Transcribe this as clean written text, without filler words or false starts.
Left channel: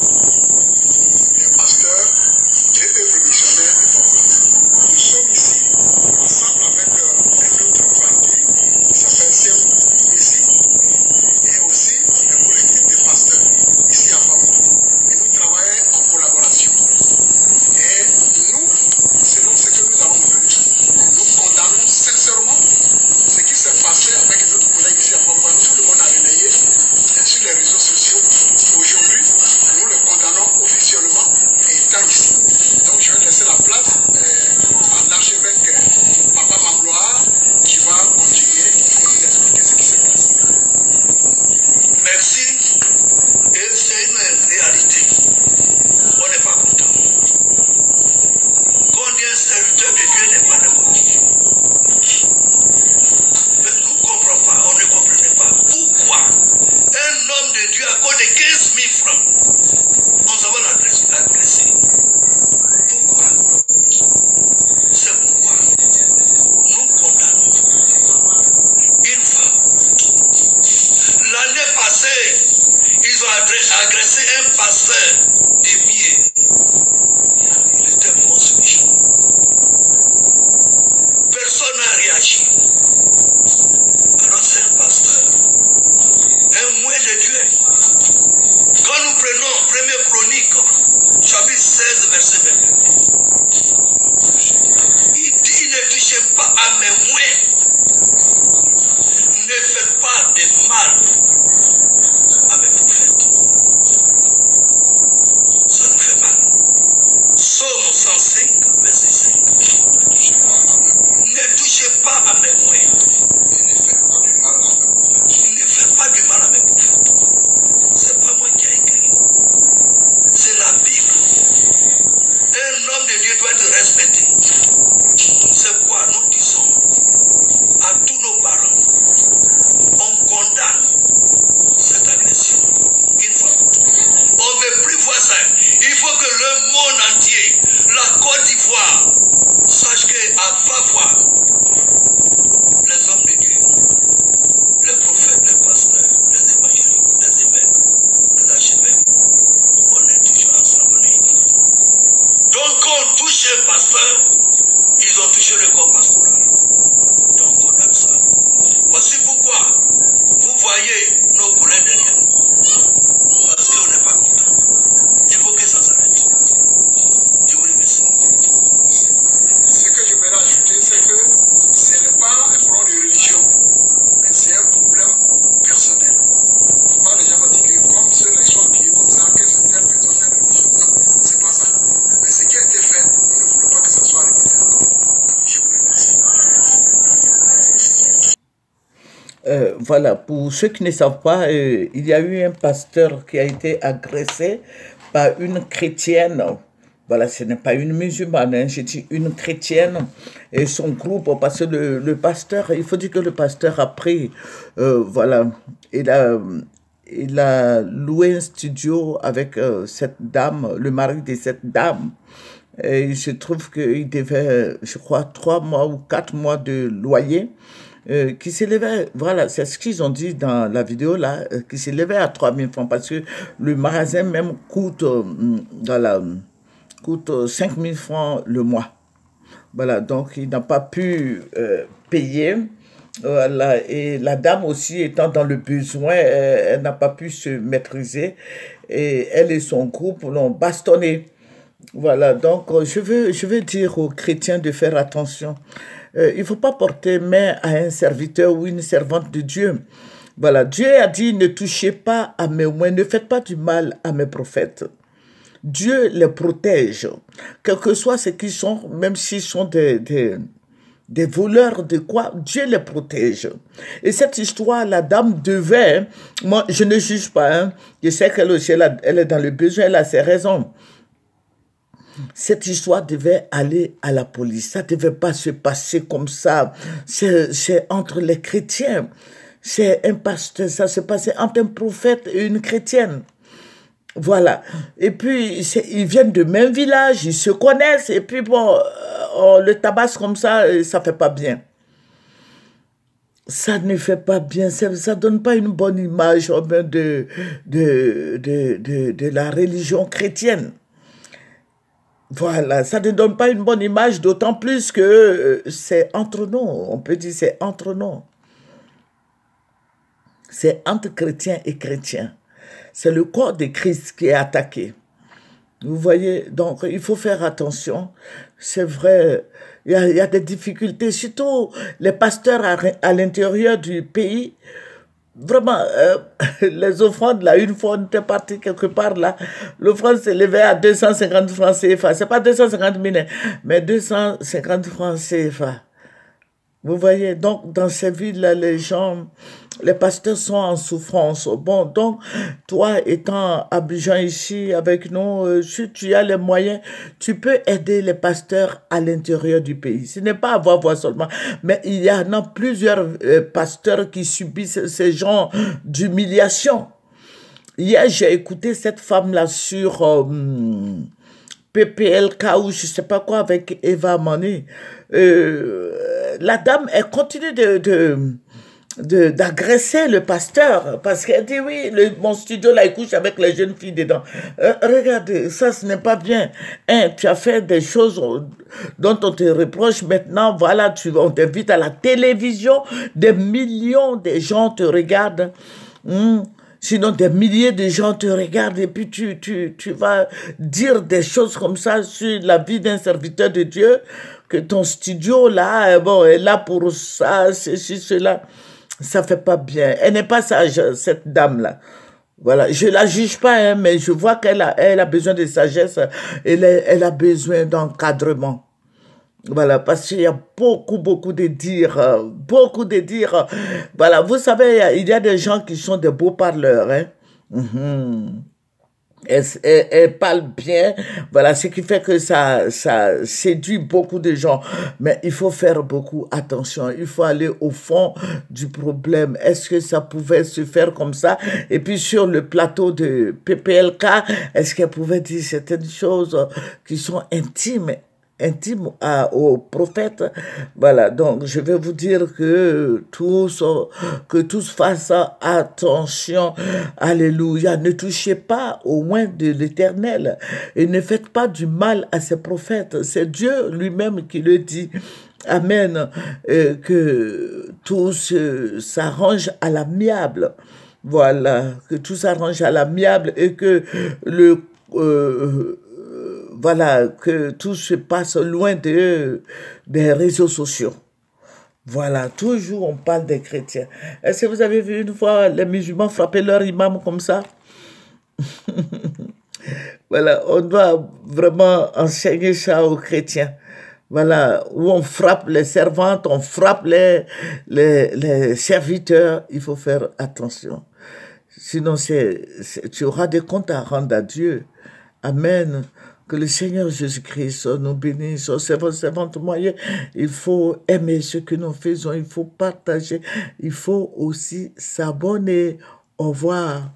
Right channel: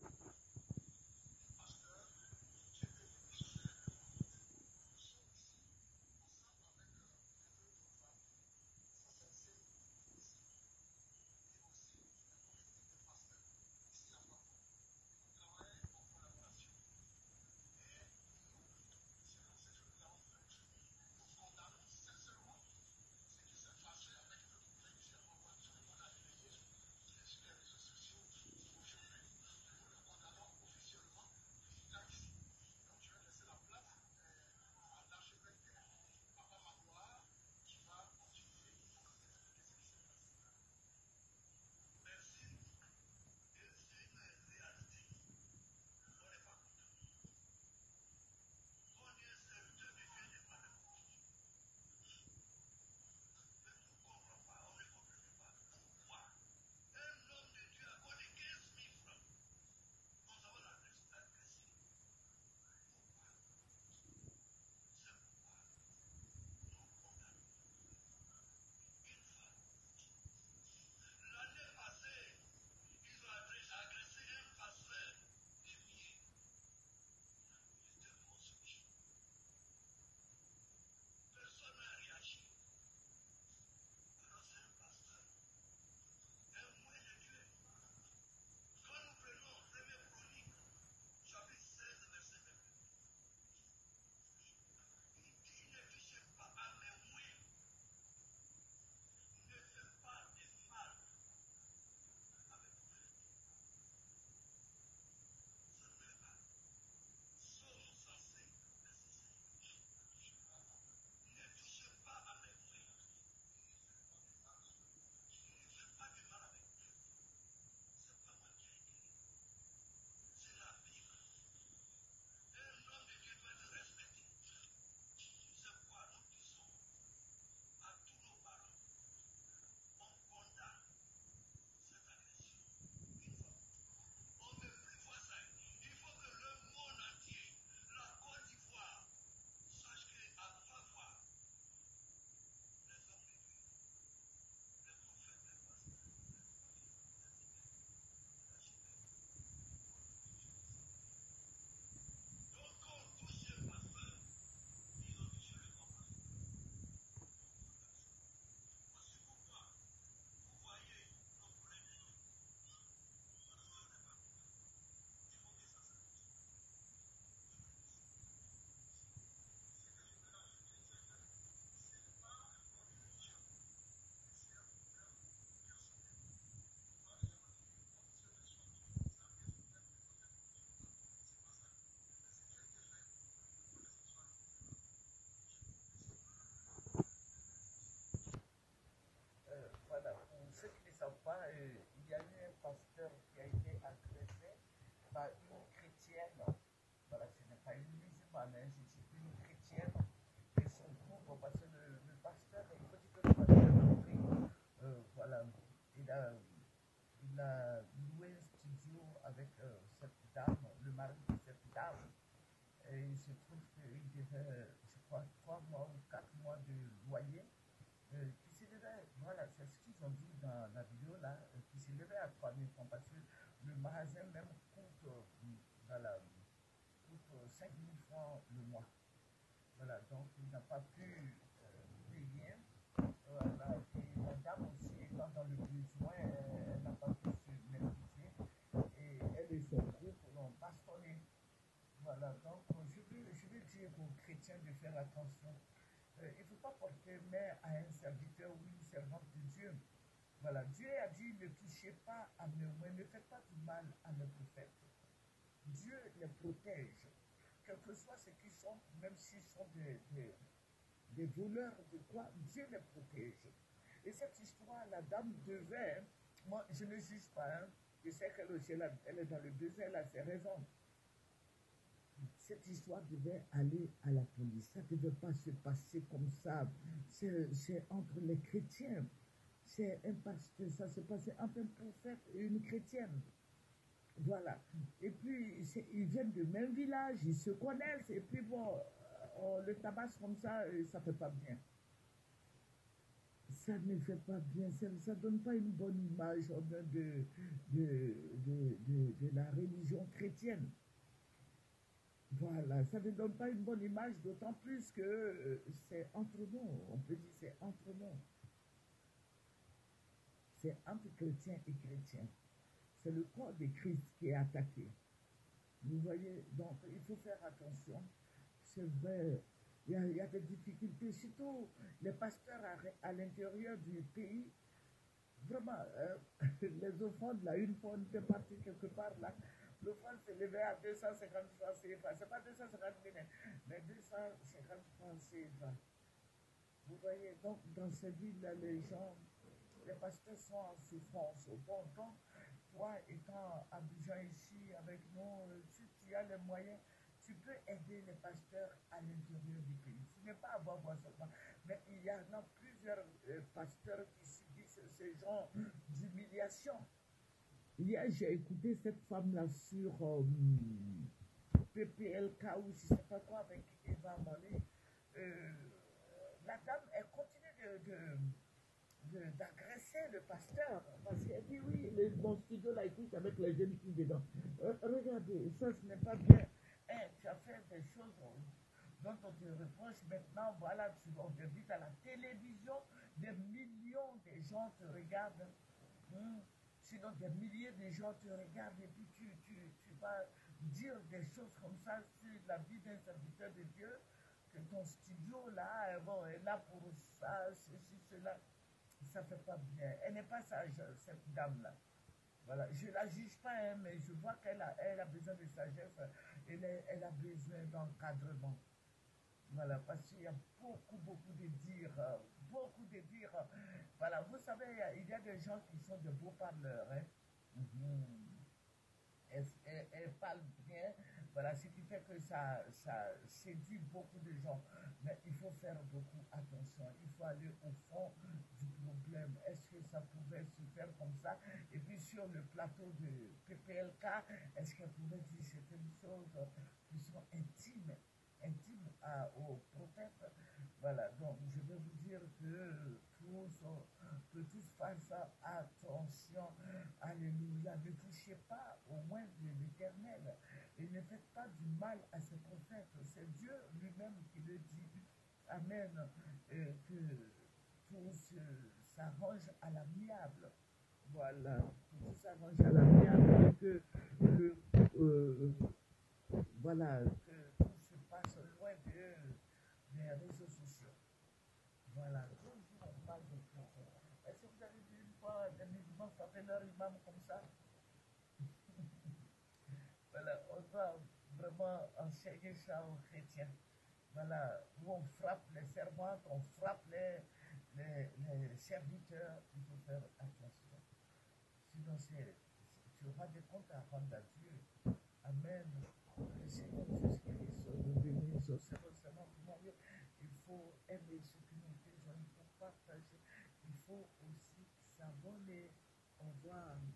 les pasteurs et œuvres missionnaires de Congo. Nous sommes ici ensemble avec un autre parti qui s'appelle CMPC et aussi le collectif des pasteurs ici à Congo. Et nous travaillons en collaboration. Et nous, selon ce que nous avons vu, nous condamnons sincèrement ce qui s'est passé avec notre collègue ici à Congo. Tout le monde a relayé sur les réseaux sociaux. Aujourd'hui, nous le condamnons officiellement et étant ici. Donc je vais laisser la place à l'archevêque Papa Magloire qui va continuer et nous expliquer ce qui se passe. Merci. Et c'est une réalité. On n'est pas content. Quand on dit un serviteur de Dieu n'est pas n'importe qui. Mais nous ne comprenons pas, on ne comprenait pas. Pourquoi un homme de Dieu à cause de 15 000 francs, nous avons agressé. Pourquoi? C'est pourquoi nous condamnons une femme. L'année passée, ils ont agressé un pasteur de Mier. Il était mort ce jour. Personne n'a réagi. Alors c'est un pasteur, un moyen de Dieu. Quand nous prenons 1er Chronique, chapitre 16, verset 22, il dit, ne touchez pas à mes moyens. Ne faites pas de mal à mes prophètes. Ça nous fait mal. Psaume 105, verset 5. Ne touchez pas à mes moyens. Ne faites pas du mal à mes prophètes. C'est pas moi qui ai écrit. C'est la Bible. Un homme de Dieu doit être respecté. C'est quoi nous disons à tous nos parents. On condamne cette agression une fois pour toutes. On ne veut plus voir ça. Il faut que le monde entier, la Côte d'Ivoire, sache qu'elle va voir les hommes de Dieu, les prophètes, les pasteurs, les évangéliques, les évêques, les archevêques. On est toujours ensemble, on est unis. Donc quand on touche un pasteur, ils ont touché le corps pastoral. Donc on aime ça. Voici pourquoi vous voyez nos collègues derrière nous. Parce qu'on n'est pas content. Il faut que ça s'arrête. Je vous remercie. Ce que je voudrais ajouter, c'est que ce n'est pas un problème de religion, mais c'est un problème personnel. Pas les gens vont dire que comme ceux-là sont habillés comme ça, que c'est telle personne, telle religion. Non, c'est pas ça. Mais ce qui a été fait, nous ne voulons pas que ça soit répété encore. Je vous remercie. Voilà, pour ceux qui ne savent pas, il y a eu un pasteur qui a été agressé par une chrétienne. Voilà, ce n'est pas une musulmane, hein, j'ai dit une chrétienne et son groupe, parce que le pasteur, il faut dire que le pasteur a pris, voilà, il a loué un studio avec cette dame, le mari de cette dame. Et il se trouve qu'il devait, je crois, 3 mois ou 4 mois de loyer. Qui s'élevait, voilà, c'est ce qu'ils ont dit dans la vidéo là, qui s'élevait à 3 000 francs parce que le magasin même coûte, coûte 5 000 francs le mois. Voilà, donc il n'a pas pu payer. Voilà, et la dame aussi étant dans le besoin, elle n'a pas pu se maîtriser et elle et son groupe l'ont bastonné. Voilà, donc je veux dire aux chrétiens de faire attention. Il ne faut pas porter main à un serviteur ou une servante de Dieu. Voilà, Dieu a dit, ne touchez pas à mes moyens, ne faites pas du mal à mes prophètes. Dieu les protège, quel que soit ce qu'ils sont, même s'ils sont des voleurs de quoi, Dieu les protège. Et cette histoire, la dame devait, moi je ne juge pas, hein, je sais qu'elle aussi, elle est dans le besoin, elle a ses raisons. Cette histoire devait aller à la police. Ça ne devait pas se passer comme ça. C'est entre les chrétiens. C'est un pasteur. Ça se passait entre un prophète et une chrétienne. Voilà. Et puis, ils viennent de même village. Ils se connaissent. Et puis, bon, on le tabasse comme ça ne fait pas bien. ça ne fait pas bien, ça ne donne pas une bonne image de la religion chrétienne. Voilà, ça ne donne pas une bonne image, d'autant plus que c'est entre nous, on peut dire c'est entre nous. C'est entre chrétiens et chrétiens. C'est le corps de Christ qui est attaqué. Vous voyez, donc il faut faire attention. C'est vrai, il y a des difficultés, surtout les pasteurs à l'intérieur du pays. Vraiment, les offrandes, là, une fois on était parti quelque part, là, l'offrande s'élevait à 250 francs CFA. C'est pas 250 000, hein, mais 250 francs CFA. Vous voyez, donc dans ces villes-là, les pasteurs sont en souffrance. Bon, donc toi étant à Abidjan ici avec nous, si tu as les moyens, tu peux aider les pasteurs à l'intérieur du pays. Ce n'est pas avoir voix seulement, mais il y en a plusieurs pasteurs qui subissent ces genres d'humiliation. Hier, j'ai écouté cette femme-là sur PPLK ou je ne sais pas quoi avec Eva Mani. La dame, elle continue d'agresser le pasteur parce qu'elle dit oui, mon studio là, il couche avec les jeunes filles dedans. Regardez, ça ce n'est pas bien. Hein, tu as fait des choses dont on te reproche maintenant, voilà, on t'invite à la télévision, des millions de gens te regardent. Sinon, des milliers de gens te regardent et puis tu vas dire des choses comme ça sur la vie d'un serviteur de Dieu, que ton studio là, bon, est là pour ça, ceci, cela. Ça fait pas bien. Elle n'est pas sage, cette dame-là. Voilà, je la juge pas, hein, mais je vois elle a besoin de sagesse, elle a besoin d'encadrement. Voilà, parce qu'il y a beaucoup de dires, beaucoup de dires. Voilà, vous savez, il y a des gens qui sont des beaux parleurs, hein. Elle parle bien, voilà, ce qui fait que ça séduit beaucoup de gens. Mais il faut faire beaucoup attention, il faut aller au fond du problème. Est-ce que ça pouvait se faire comme ça? Et puis sur le plateau de PPLK, est-ce qu'elle pouvait dire certaines choses qui sont intimes au prophète? Voilà, donc je vais vous dire que tous fassent attention. Alléluia. Ne touchez pas au moins de l'Éternel et ne faites pas du mal à ses prophètes. C'est Dieu lui-même qui le dit. Amen. Que tout s'arrange à l'amiable. Voilà, que tout s'arrange à l'amiable et que voilà, que tout se passe loin des réseaux sociaux. Voilà, toujours on parle des chrétiens. Est-ce que vous avez vu une fois les musulmans frapper leur imam comme ça? Voilà, on doit vraiment enseigner ça aux chrétiens. Voilà, où on frappe les servantes, on frappe les serviteurs. Il faut faire attention. Sinon, tu auras des comptes à rendre à Dieu. Amen. Que le Seigneur Jésus-Christ nous bénisse. Servante moyenne, il faut aimer ce que nous faisons, il faut partager, il faut aussi s'abonner. Au revoir.